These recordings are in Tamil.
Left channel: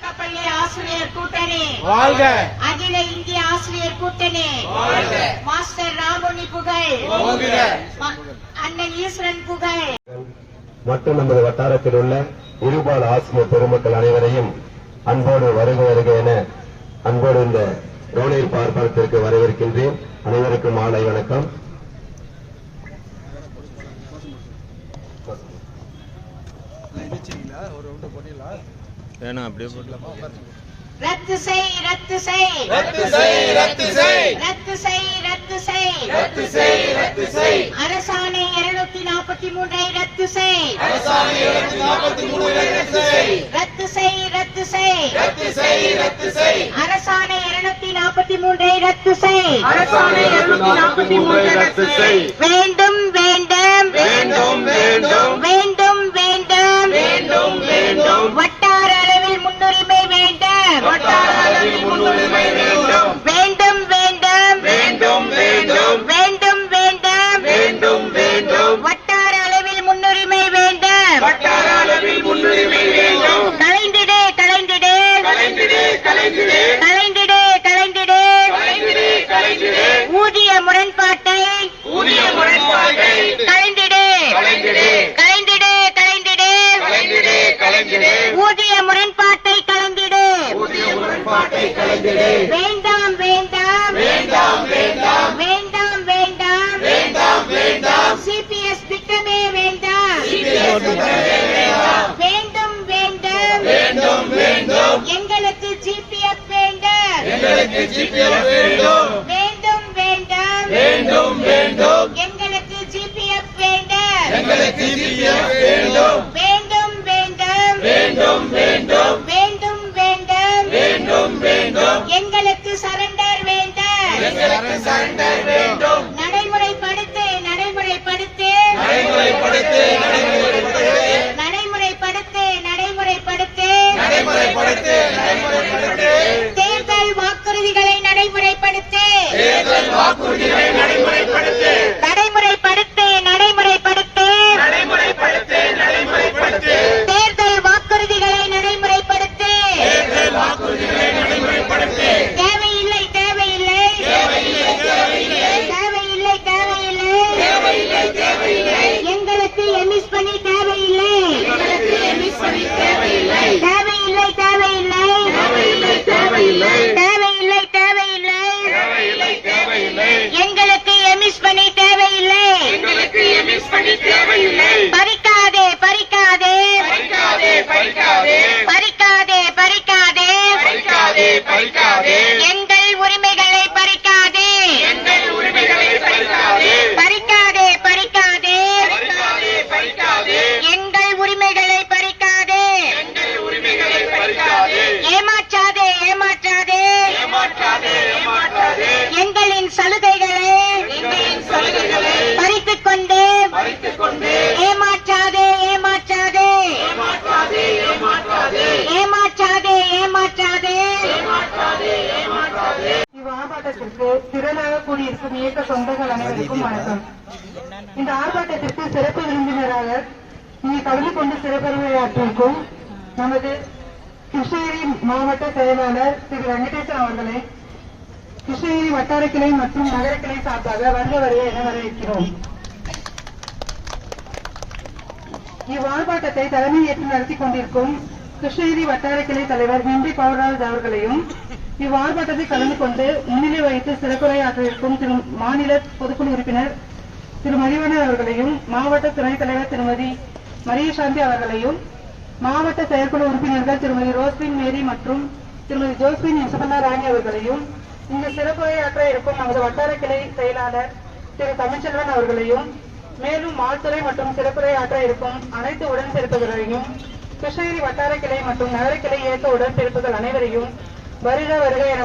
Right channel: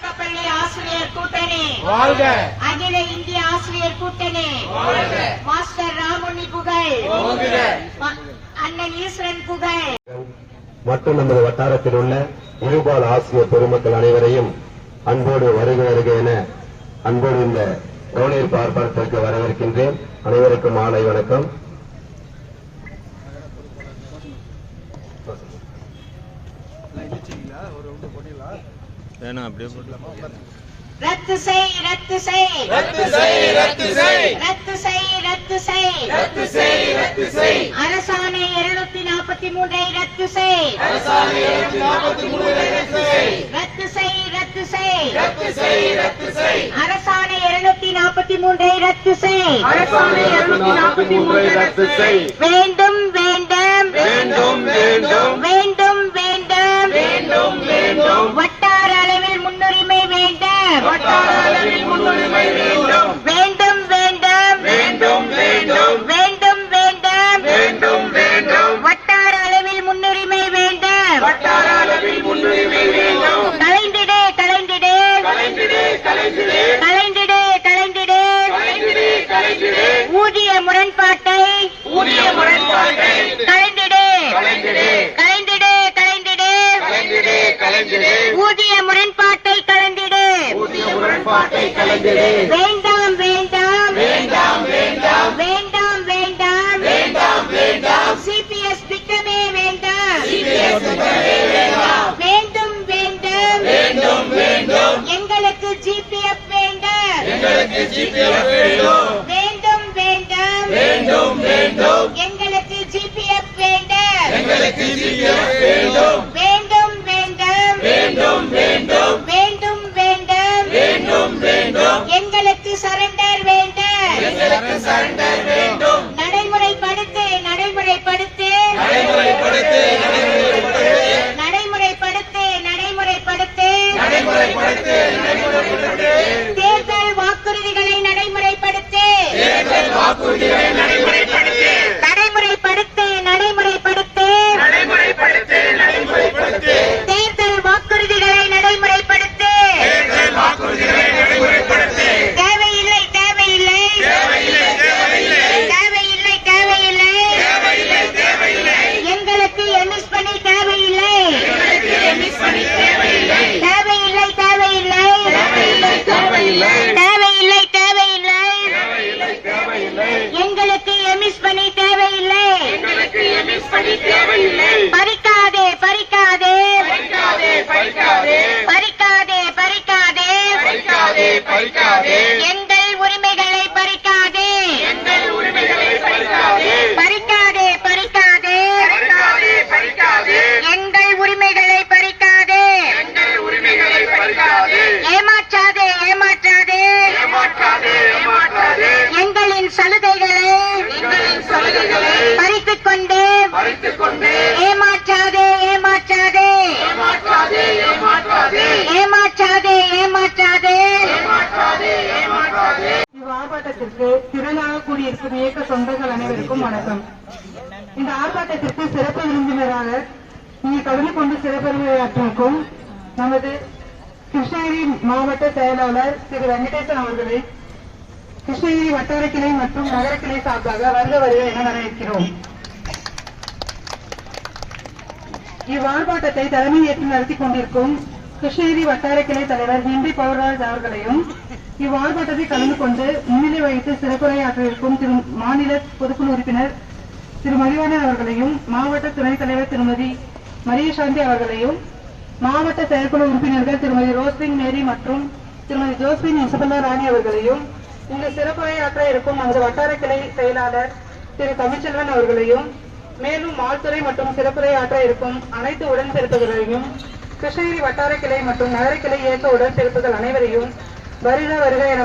தொடக்கப்பள்ளி ஆசிரியர் கூட்டணி. வாழ்க. அகில இந்திய ஆசிரியர் கூட்டணி. மாஸ்டர் ராமுனி புகழ். அண்ணன் ஈஸ்வரன் புகழ். மற்றும் நமது வட்டாரத்தில் உள்ள இருபால் ஆசிரியர் பெருமக்கள் அனைவரையும் அன்போடு வருக வருக என அன்போடு இந்த கவனீர் பார்ப்பாளத்திற்கு வரவேற்கின்றேன். அனைவருக்கும் மாலை வணக்கம். வேணாம் அப்படியே போட்டு ரத்து செய் ரத்து செய் ரத்து செய் ரத்து செய் ரத்து செய் ரத்து செய் ரத்து செய் ரத்து செய் அரசாணை இருநூத்தி நாற்பத்தி மூன்றை ரத்து செய் அரசாணை இருநூற்றி நாற்பத்தி மூணை ரத்து செய் ரத்து செய் ரத்து செய் ரத்து செய் ரத்து செய் அரசாணை இருநூத்தி நாற்பத்தி மூன்றை ரத்து செய் அரசாணை இருநூற்றி நாற்பத்தி மூணை ரத்து செய் வேண்டும் வேண்டும் வேண்டும் வேண்டும் வேண்டும். வேண்டும் வேண்டாம். வேண்டும் வேண்டும். எங்களுக்கு ஜிபிஎஃப் வேண்டும். எங்களுக்கு ஜிபிஎஸ் வேண்டும். வேண்டும் வேண்டாம். வேண்டும் வேண்டும். வேண்டும் வேண்டாம். வேண்டும் வேண்டும். எங்களுக்கு சரண்டர் வேண்டும். எங்களுக்கு சரண்டர் வேண்டும். நடைமுறைப்படுத்து நடைமுறைப்படுத்து. நடைமுறைப்படுத்து உறுதியை நடைமுறைப்படுத்த ஆர்ப்பாட்டத்திற்கு திரளாக கூடியிருக்கும் இயக்க தொண்டர்கள் அனைவருக்கும் வணக்கம். இந்த ஆர்ப்பாட்டத்திற்கு சிறப்பு விருந்தினராக இங்கு கவிதை கொண்டு சிறப்புரையாற்றிருக்கும் நமது கிருஷ்ணகிரி மாவட்ட செயலாளர் திரு வெங்கடேசன் அவர்களை கிருஷ்ணகிரி வட்டார கிளை மற்றும் நகர கிளை சார்பாக வருக வருக என வரவேற்கிறோம். இவ்வார்ப்பாட்டத்தை தலைமை ஏற்று நடத்தி கொண்டிருக்கும் கிருஷ்ணகிரி வட்டார கிளை தலைவர் விண்டி பவர்ராஜ் அவர்களையும் இவ்வார்ப்பாட்டத்தில் கலந்து கொண்டு முன்னிலை வகித்து சிறப்புரையாற்ற இருக்கும் திரு மாநில பொதுக்குழு உறுப்பினர் திரு மதிவாணன் அவர்களையும் மாவட்ட துணைத் தலைவர் திருமதி மரியசாந்தி அவர்களையும் மாவட்ட செயற்குழு உறுப்பினர்கள் திருமதி ரோஸ்லின் மேரி மற்றும் திருமதி ஜோஸ்லின் இசபெல்லா ராணி அவர்களையும் இந்த சிறப்புரையாற்ற இருக்கும் நமது வட்டார கிளை செயலாளர் திரு தமிழ்ச்செல்வன் அவர்களையும் மேலும் மால்துறை மற்றும் சிறப்புரையாற்ற இருக்கும் அனைத்து உடன்பிறப்புகளையும் கிருஷ்ணகிரி வட்டார கிளை மற்றும் நகர கிளை இயக்க உடன்பிறப்புகள் அனைவரையும் வருக வருக என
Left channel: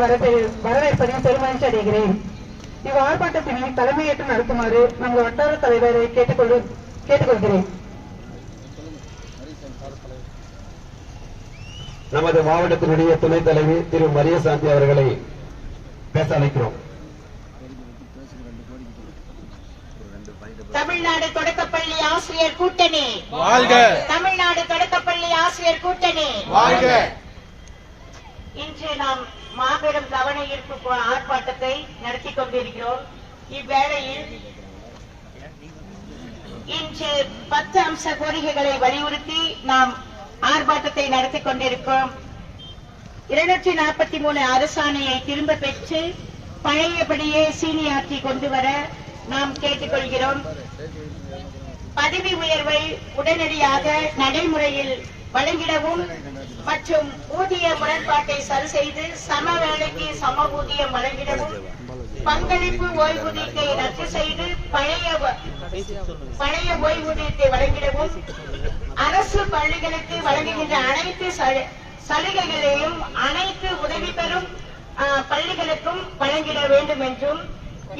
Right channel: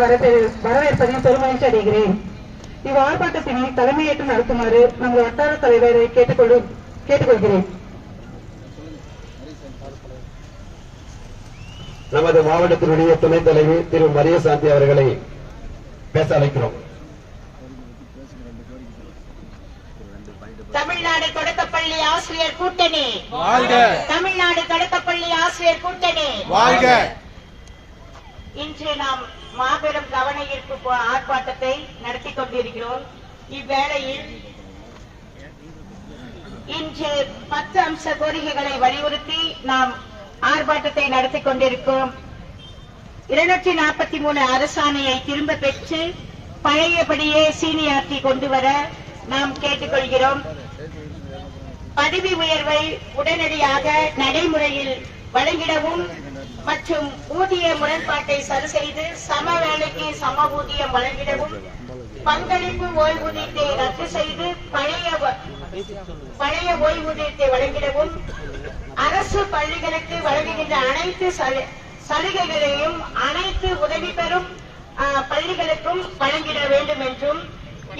வரவேற்பதையும் பெருமகிழ்ச்சி அடைகிறேன். இவ் ஆர்ப்பாட்டத்தினை தலைமையேற்று நடத்துமாறு நமது வட்டார தலைவரை கேட்டுக்கொண்டு கேட்டுக்கொள்கிறேன். நமது மாவட்டத்தினுடைய துணைத் தலைவி திரு மரியசாந்தி அவர்களை பேச அழைக்கிறோம். தமிழ்நாடு தொடக்கப்பள்ளி ஆசிரியர் கூட்டணி. வாழ்க. தமிழ்நாடு தொடக்கப்பள்ளி ஆசிரியர் கூட்டணி. வாழ்க. இன்று நாம் மாபெரும் கவன ஈர்ப்பு ஆர்ப்பாட்டத்தை நடத்தி கொண்டிருக்கிறோம். இவ்வேளையில் இன்று பத்து அம்ச கோரிக்கைகளை வலியுறுத்தி நாம் ஆர்ப்பாட்டத்தை நடத்தி கொண்டிருக்கிறோம் இருநூற்றி நாற்பத்தி மூணு அரசாணையை திரும்ப பெற்று பழையபடியே சீனியார்த்தி கொண்டு வர நாம் கேட்டுக்கொள்கிறோம். பதவி உயர்வை உடனடியாக நடைமுறையில் வழங்கிடவும் மற்றும் ஊதிய முரண்பாட்டை சரி செய்து சம வேலைக்கு சம ஊதியம் வழங்கிடவும் பங்களிப்பு ஓய்வூதியத்தை ரத்து செய்து பழைய பழைய ஓய்வூதியத்தை வழங்கிடவும் அரசு பள்ளிகளுக்கு வழங்குகின்ற அனைத்து சலு- சலுகைகளையும் அனைத்து உதவி பெறும் பள்ளிகளுக்கும் வழங்கிட வேண்டும் என்றும்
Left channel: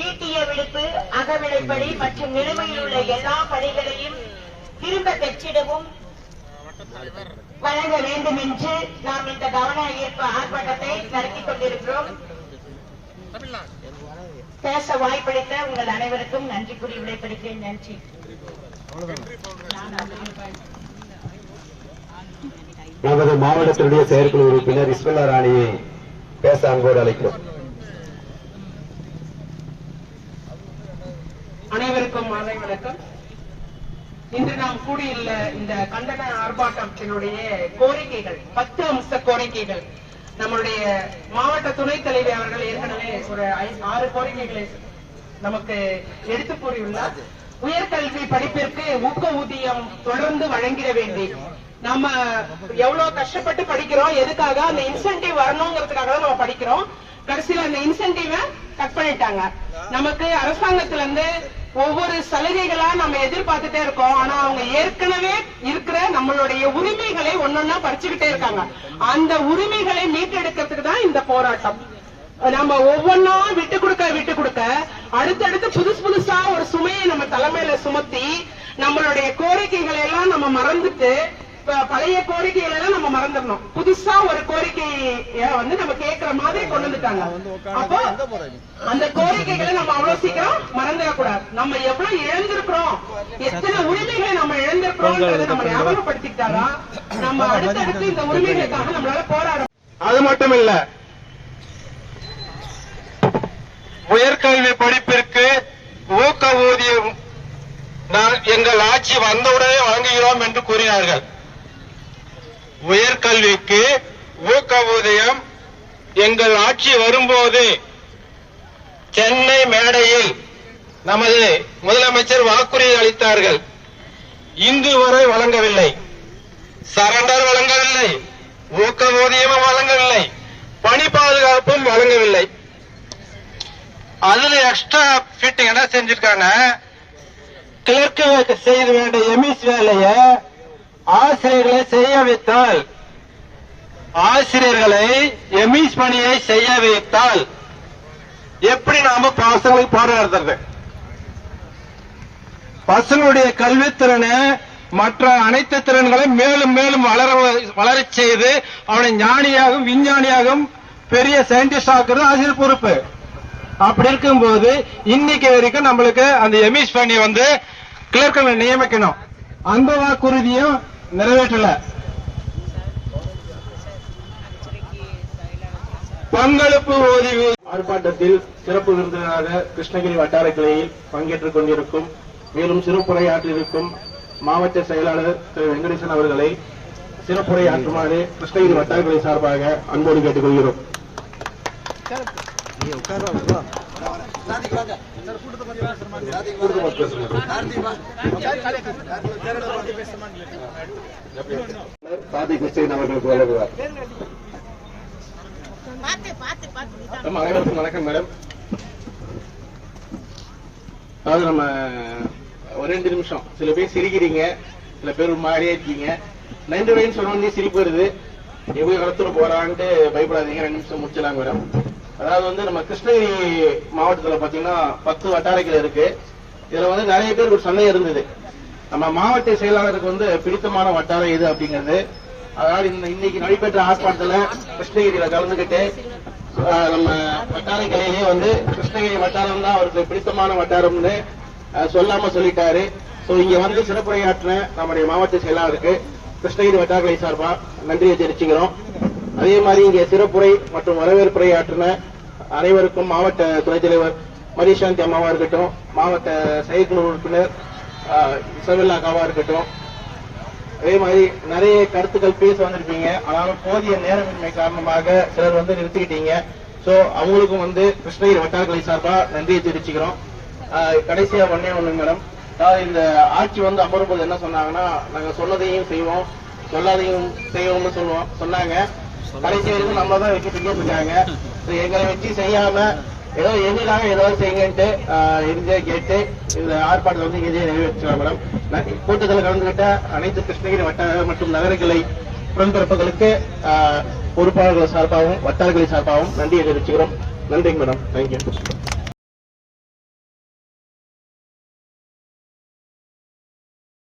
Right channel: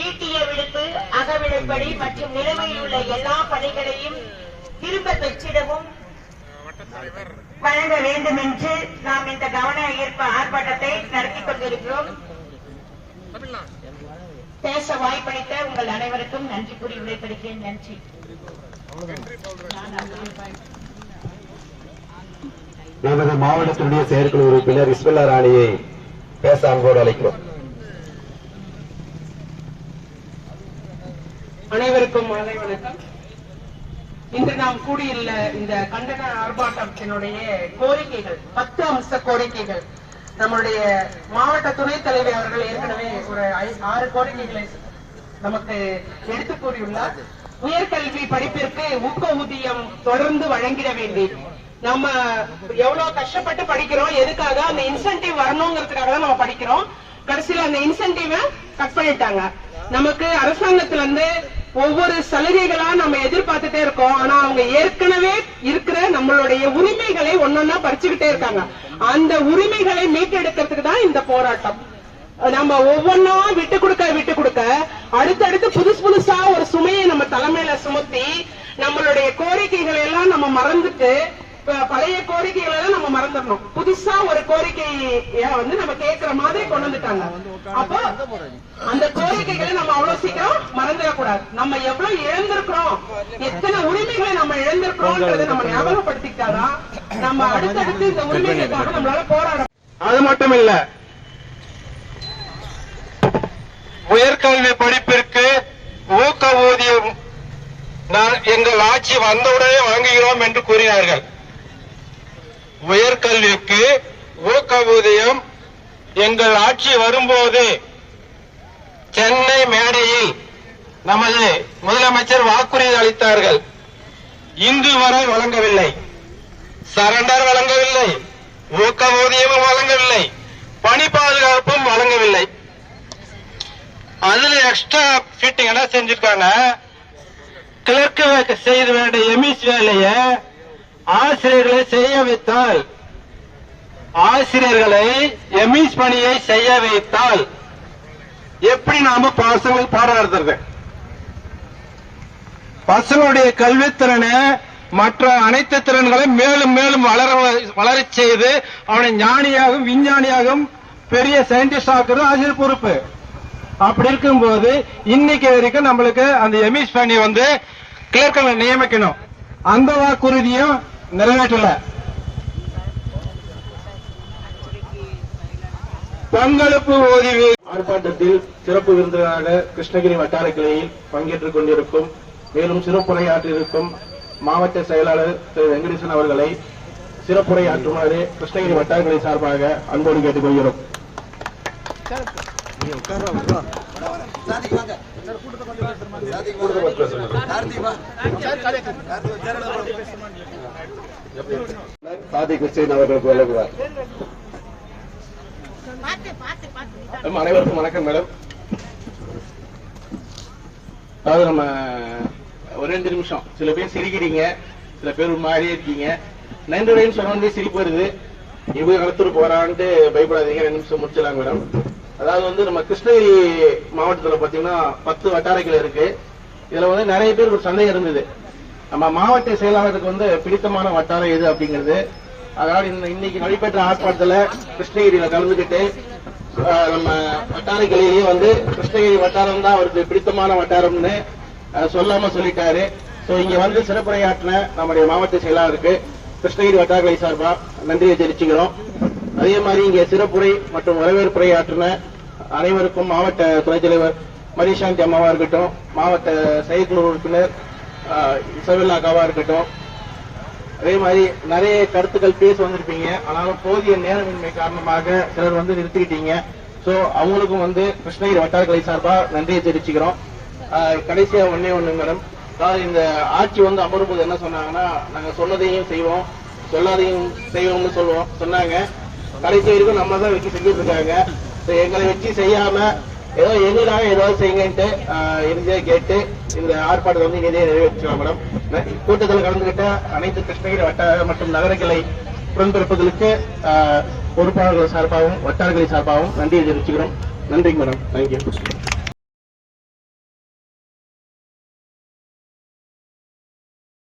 ஈட்டிய விடுப்பு அகவிலைப்படி மற்றும் நிலுவையில் உள்ள எல்லா பணிகளையும் திரும்ப பெற்றிடவும் வழங்க வேண்டும் என்று நாம் இந்த கவன ஈர்ப்பு ஆர்ப்பாட்டத்தை நடத்தி கொண்டிருக்கிறோம். பேச வாய்ப்பளித்த உங்கள் அனைவருக்கும் நன்றி கூறி விடைபெறுகிறேன். நன்றி. நமது மாவட்டத்தினுடைய செயற்குழு உறுப்பினர் இஸ்மில்லா ராணியை பேச அன்போடு அழைக்கிறோம். அனைவருக்கும் மாலை வணக்கம். நாம் கூடியுள்ள இந்த கண்டன ஆர்ப்பாட்டத்தினுடைய கோரிக்கைகள் பத்து அம்ச கோரிக்கைகள். நம்முடைய மாவட்ட துணைத் தலைவர் அவர்கள் ஏற்கனவே ஒரு ஆறு கோரிக்கைகளை நமக்கு எடுத்து கூறியுள்ளார். உயர்கல்வி படிப்பிற்கு ஊக்க ஊதியம் தொடர்ந்து வழங்கிட வேண்டி. நம்ம எவ்வளவு கஷ்டப்பட்டு படிக்கிறோம் எதுக்காக அந்த இன்சென்டிவ் வரணுங்கிறதுக்காக தான் நம்ம படிக்கிறோம். கடைசியில அந்த இன்சென்டிவ கட் பண்ணிட்டாங்க. நமக்கு அரசாங்கத்துல இருந்து ஒவ்வொரு சலுகைகளா நம்ம எதிர்பார்த்துட்டே இருக்கோம். ஆனா அவங்க ஏற்கனவே இருக்கிற நம்மளுடைய உரிமைகளை ஒன்னொன்னா பறிச்சுக்கிட்டே இருக்காங்க. அந்த உரிமைகளை மீட்டெடுக்கிறதுக்கு தான் இந்த போராட்டம். நம்ம ஒவ்வொன்னா விட்டு கொடுக்க விட்டு கொடுக்க அடுத்தடுத்து புதுசு புதுசா ஒரு சுமையை நம்ம தலைமையில சுமத்தி நம்மளுடைய கோரிக்கைகளை எல்லாம் நம்ம மறந்துட்டு பழைய கோரிக்கைகளை எல்லாம் நம்ம மறந்துடணும். புதுசா ஒரு கோரிக்கைய வந்து நம்ம கேட்கிற மாதிரி கொண்டு வந்துட்டாங்க. அப்போ அந்த கோரிக்கைகளை நம்ம அவ்வளவு சீக்கிரம் மறந்துடக்கூடாது. நம்ம எவ்வளவு இழந்திருக்கிறோம் எத்தனை உரிமைகளை நம்ம இழந்திருக்கிறோம்ன்றதை நம்ம ஞாபகப்படுத்திக்கிட்டாதான் நம்ம அடுத்தடுத்து இந்த உரிமைகளுக்காக நம்மளால போராட அது மட்டும் இல்ல உயர்கல்வி படிப்பிற்கு ஊக்க ஊதியம் எங்கள் ஆட்சி வந்தவுடனே வழங்குகிறோம் என்று கூறினார்கள். உயர்கல்விக்கு ஊக்க ஊதியம் எங்கள் ஆட்சி வரும்போது சென்னை மேடையில் நமது முதலமைச்சர் வாக்குறுதி அளித்தார்கள். இன்று வரை வழங்கவில்லை. சரண்டர் வழங்கவில்லை. ஊக்க ஊதியமும் வழங்கவில்லை. பணி பாதுகாப்பும் வழங்கவில்லை. அதுல எக்ஸ்ட்ரா ஃபிட்டிங் என்ன செஞ்சிருக்காங்க? கிளர்க்கு செய்த வேண்டிய எமிஸ் வேலையை ஆசிரியர்களை செய்ய வைத்தால் ஆசிரியர்களை எமிஸ் பணியை செய்ய வைத்தால் எப்படி நாம பசங்களுக்கு போராடுறது பசங்களுடைய கல்வித்திறனை மற்ற அனைத்து திறன்களை மேலும் மேலும் வளர வளரச் செய்து அவனை ஞானியாகவும் விஞ்ஞானியாகவும் பெரிய சயின்டிஸ்ட் ஆக்குறது ஆசிரியர் பொறுப்பு. அப்படி இருக்கும்போது இன்னைக்கு வரைக்கும் நம்மளுக்கு அந்த எமிஸ் பணி வந்து கிளர்க்கங்களை நியமிக்கணும். அந்த வாக்குறுதியும் நிறைவேற்றல. பங்களிப்பு ஓய்வு. ஆர்ப்பாட்டத்தில் சிறப்பு விருந்தினராக கிருஷ்ணகிரி வட்டார கிளையில் பங்கேற்றுக் கொண்டிருக்கும் மேலும் சிறப்புரையாற்றிருக்கும் மாவட்ட செயலாளர் திரு வெங்கடேசன் அவர்களை சிறப்புரையாற்றுமாறு கிருஷ்ணகிரி வட்டார கிளை சார்பாக அன்போடு கேட்டுக்கொள்கிறோம். சாதி கிறிஸ்டின் அவர்களுக்கு வழங்குவார் அனைவருக்கும் வணக்கம் மேடம். அதாவது நம்ம ஒரு ரெண்டு நிமிஷம். சில பேர் சிரிக்கிறீங்க சில பேர் மாறியே மாதிரியே இருக்கீங்க. நன்றி வரையும் சொன்னோடனே சிரிப்பு வருது எப்படி நடத்துட்டு போறான்ட்டு பயப்படாதீங்க ரெண்டு நிமிஷம் முடிச்சிடலாம் மேடம். அதாவது வந்து நம்ம கிருஷ்ணகிரி மாவட்டத்துல பாத்தீங்கன்னா பத்து வட்டாரைகள் இருக்கு. இதுல வந்து நிறைய பேருக்கு ஒரு சந்தேகம் இருந்தது. நம்ம மாவட்ட செயலாளருக்கு வந்து பிடித்தமான வட்டாரம் எது அப்படிங்கிறது. அதனால இன்னைக்கு நடைபெற்ற ஆர்ப்பாட்டத்துல கிருஷ்ணகிரியில கலந்துகிட்டு நம்ம வட்டார கிளையிலேயே வந்து கிருஷ்ணகிரி வட்டாரம் தான் அவருக்கு பிடித்தமான வட்டாரம்னு சொல்லாம சொல்லிட்டாரு. சோ இங்க வந்து சிறப்புரையாற்றின நம்முடைய மாவட்ட செயலாளருக்கு கிருஷ்ணகிரி வட்டார கிளை சார்பா நன்றியை தெரிவிச்சுக்கிறோம். அதே மாதிரி இங்க சிறப்புரை மற்றும் வரவேற்புரை ஆற்றின அனைவருக்கும் மாவட்ட துணைத் தலைவர் மரிசாந்தி அம்மாவா இருக்கட்டும் மாவட்ட செயற்குழு உறுப்பினர் ஆஹ், இருக்கட்டும். அதே மாதிரி நிறைய கருத்துக்கள் பேச வந்திருப்பீங்க. அதனால போதிய நேரமின்மை காரணமாக சிலர் வந்து நிறுத்திக்கிட்டீங்க. சோ அவங்களுக்கும் வந்து கிருஷ்ணகிரி வட்டாரக்கலை சார்பா நன்றியை தெரிவிச்சுக்கிறோம். கடைசியா ஒன்னே ஒண்ணு மேடம். அதாவது இந்த ஆட்சி வந்து அமரும்போது என்ன சொன்னாங்கன்னா நாங்க சொன்னதையும் செய்வோம் சொல்லாதையும் செய்வோம்னு சொல்லுவோம் சொன்னாங்க. கடைசி வரைக்கும் நம்மள தான் வச்சு செஞ்சுட்டு இருக்காங்க. எங்களை வச்சு செய்யாம ஏதோ எதுனாங்க ஏதோ செய்யுங்கன்ட்டு இருந்தே கேட்டு இந்த ஆர்ப்பாட்டம் வந்து இங்கே நிறைவேற்றலாம் மேடம். கூட்டத்தில் கலந்துகிட்ட அனைத்து கிருஷ்ணகிரி வட்டார மற்றும் நகரங்களை உடன்பிறப்புகளுக்கு பொறுப்பாளர்கள் சார்பாகவும் வட்டாரங்களை சார்பாகவும் நன்றியை தெரிவிச்சுக்கிறோம். நன்றிங்க மேடம். தேங்க்யூ